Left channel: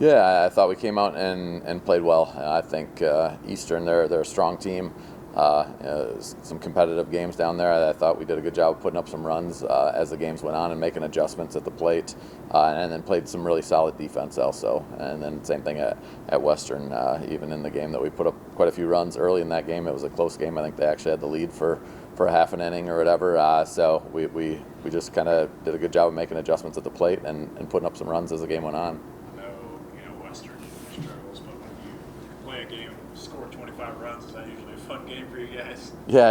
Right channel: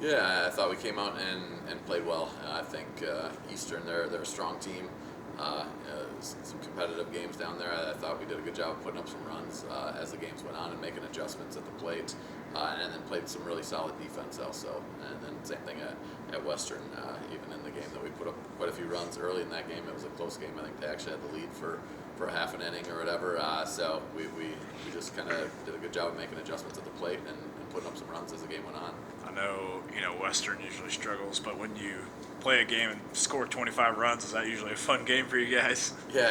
Yeah, I thought we came out and played well. I think Eastern, they're a strong team. Some competitive games down there. I thought we did a good job of putting up some runs as the games went on and making adjustments at the plate, and then played some really solid defense also. And then same thing at Western. Even in the game that we put up quite a few runs early in that game, it was a close game. I think they actually had the lead for a half an inning or whatever. So we just kind of did a good job of making adjustments at the plate and putting up some runs as the game went on. I know, Western usually struggles, but when you play a game and score 25 runs, is that usually a fun game for you guys? Yeah,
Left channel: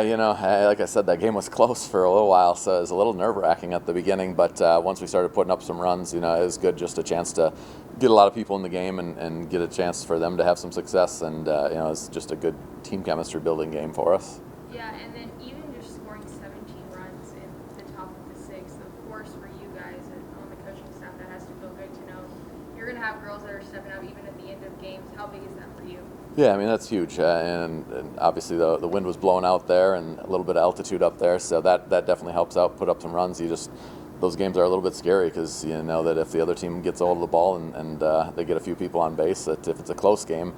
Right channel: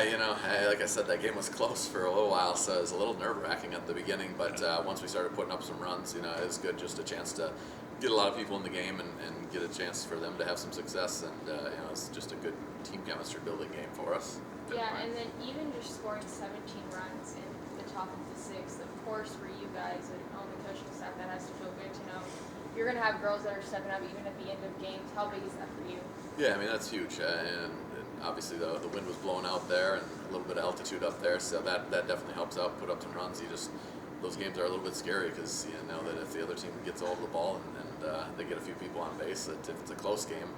like I said, that game was close for a little while, so it was a little nerve-wrking at the beginning, but once we started putting up some runs, it was good, just a chance to get a lot of people in the game and get a chance for them to have some success, and it's just a good team chemistry building game for us. Yeah, and then even just scoring 17 runs in the top of the sixth, of course, for you guys and on the coaching staff, that has to feel good to know. You're going to have girls that are stepping up even at the end of games. How big is that for you? Yeah, I mean, that's huge, and obviously the wind was blowing out there and a little bit of altitude up there, so that definitely helps out, put up some runs. Those games are a little bit scary because you know that if the other team gets a hold of the ball and they get a few people on base, that if it's a close game,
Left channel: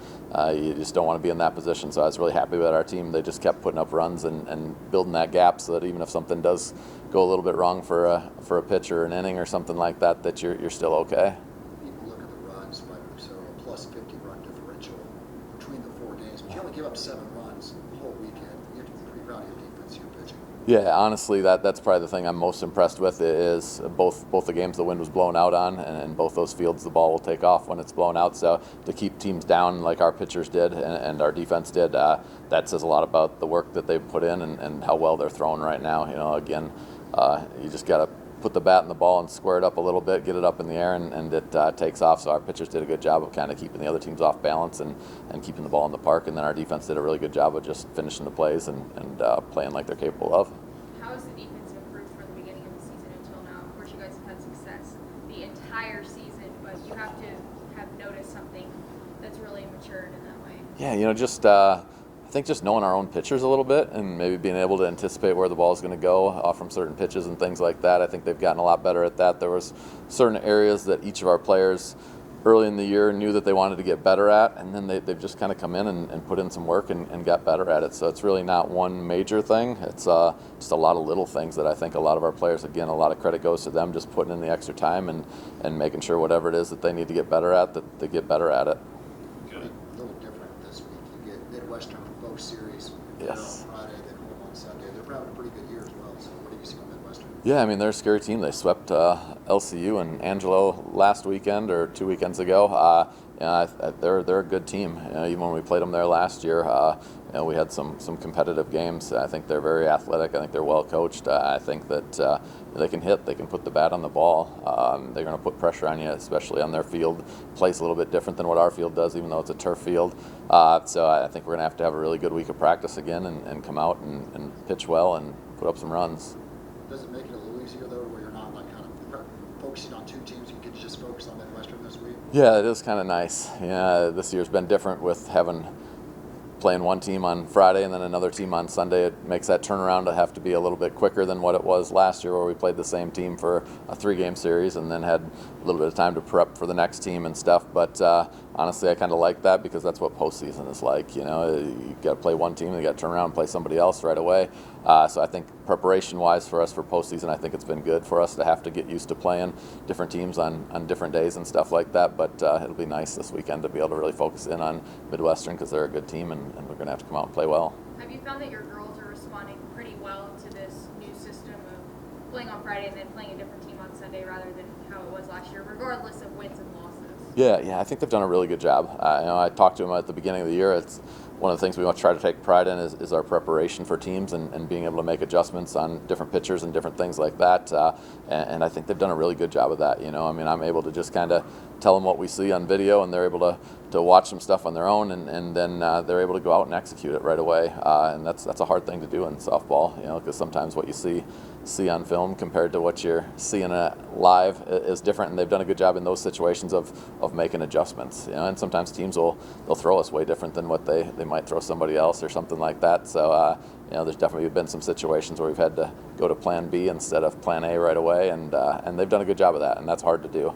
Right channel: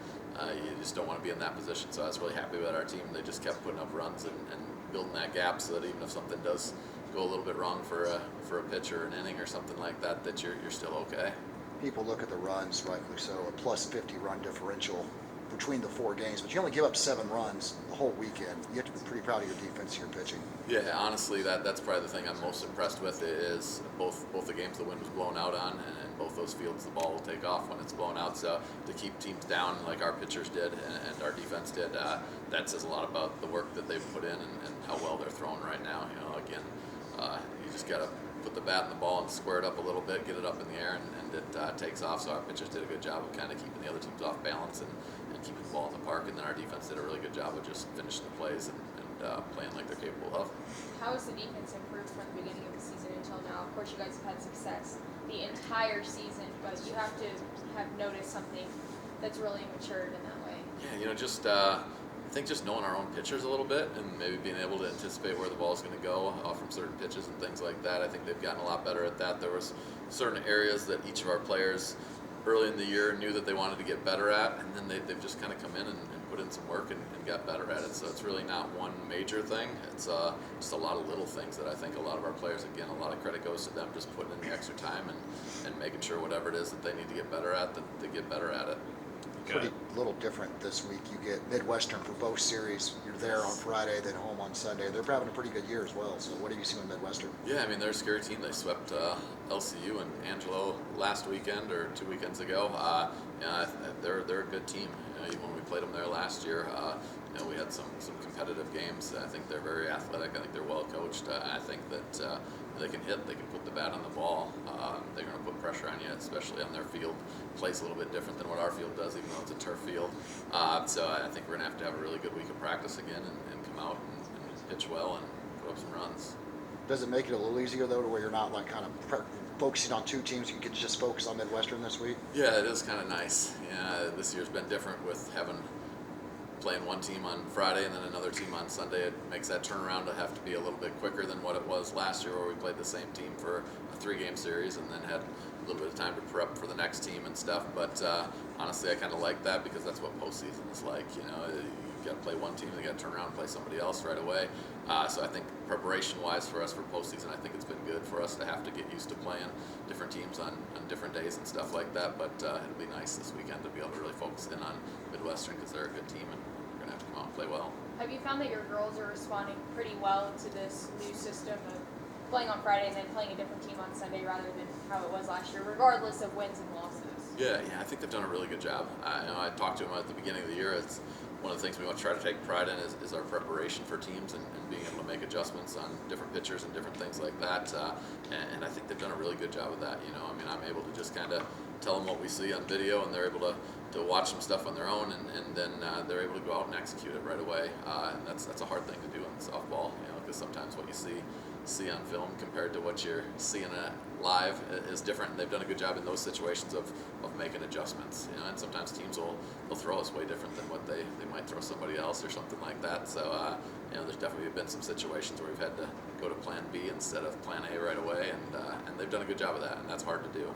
you just don't want to be in that position. So I was really happy with our team. They just kept putting up runs and building that gap so that even if something does go a little bit wrong for a pitch or an inning or something like that, that you're still okay. People look at the runs, rightly so, a plus 50 run differential between the 4 games, but you only give up 7 runs the whole weekend. You have to be pretty proud of your defense, your pitching. Yeah, honestly, that's probably the thing I'm most impressed with is both the games the wind was blown out on, and both those fields the ball will take off when it's blown out. So to keep teams down like our pitchers did and our defense did, that says a lot about the work that they've put in and how well they're throwing right now. Again, you just got to put the bat in the ball and square it up a little bit, get it up in the air, and it takes off. So our pitchers did a good job of kind of keeping the other teams off balance and keeping the ball in the park. And then our defense did a really good job of just finishing the plays and playing like they're capable of. How has the defense improved from the beginning of the season until now? Of course, you guys have had success the entire season, but you have to have noticed something that's really matured in that way. Yeah, I think just knowing our own pitchers a little bit and maybe being able to anticipate where the ball is going to go from certain pitches and things like that. I think they've gotten a lot better at that. There was certain areas that each of our players early in the year knew that they wanted to get better at, and then they've just kind of come in and put in some work and got better at it. So it's really not one major thing. It's just a lot of little things that I think a lot of our players, again, a lot of credit goes to them just putting in the extra time and making sure whatever it is that they need to get better at, that they get better at it. Pretty little different this week. You get Midwestern for both series. You're there on Friday, then home on Sunday. They're having a pretty good year as well. So what do you see with Midwestern? Yeah, I mean, they're a scary team. They swept LCU and Angelo last weekend or 2 weekends ago. They're a good team. Even when we played them there last year, we had some competitive games. I think they're very athletic. I think they're well coached. I think that they can hit. They can put the bat on the ball. They're going to put pressure on you, especially on their field. Plays a little bit different than what our field does, even though it's a turf field. So I think we're going to have a really good week of practice again and come out and pitch well and put up some runs. Does it make it a little easier, though, to where you're not like kind of focusing on 2 teams? You can just focus on Midwestern this week? Yeah, it is kind of nice. Yeah, this year's been different with playing one team on Friday and then another team on Sunday. It makes that turnaround to have to be a little bit quicker than what it was last year, where we played the same team for a 3-game series and then had a little bit of time to prep for the next team and stuff. But honestly, I kind of like that because that's what postseason is like. You got to play one team and you got to turn around and play somebody else right away. So I think preparation-wise for us for postseason, I think it's been good for us to have to get used to playing different teams on different days and stuff like that. But it'll be nice this weekend to be able to really focus in on Midwestern because they're a good team and we're going to have to come out and play well. Have you found that your girls are responding pretty well to this new system of playing on Fridays and playing a different team on Sunday rather than how it was last year, regardless of wins and losses? Yeah, I think they've done a really good job. I talked to them at the beginning of the year. It's one of the things we want to try to take pride in is our preparation for teams and being able to make adjustments on different pitchers and different things like that. And I think they've done a really good job of that. I mean, I'm able to just kind of tell them what we see on video, and they're able to watch some stuff on their own, and then they're able to go out and execute it right away. And that's a hard thing to do in softball, because sometimes what you see on film compared to what you're seeing live is different, and they've done a good job in those situations of making adjustments. And sometimes teams they'll throw us way different than what they might throw somebody else or something like that. So there's definitely been some situations where we've had to go to plan B instead of plan A right away, and they've done a good job of that, and that's hard to do.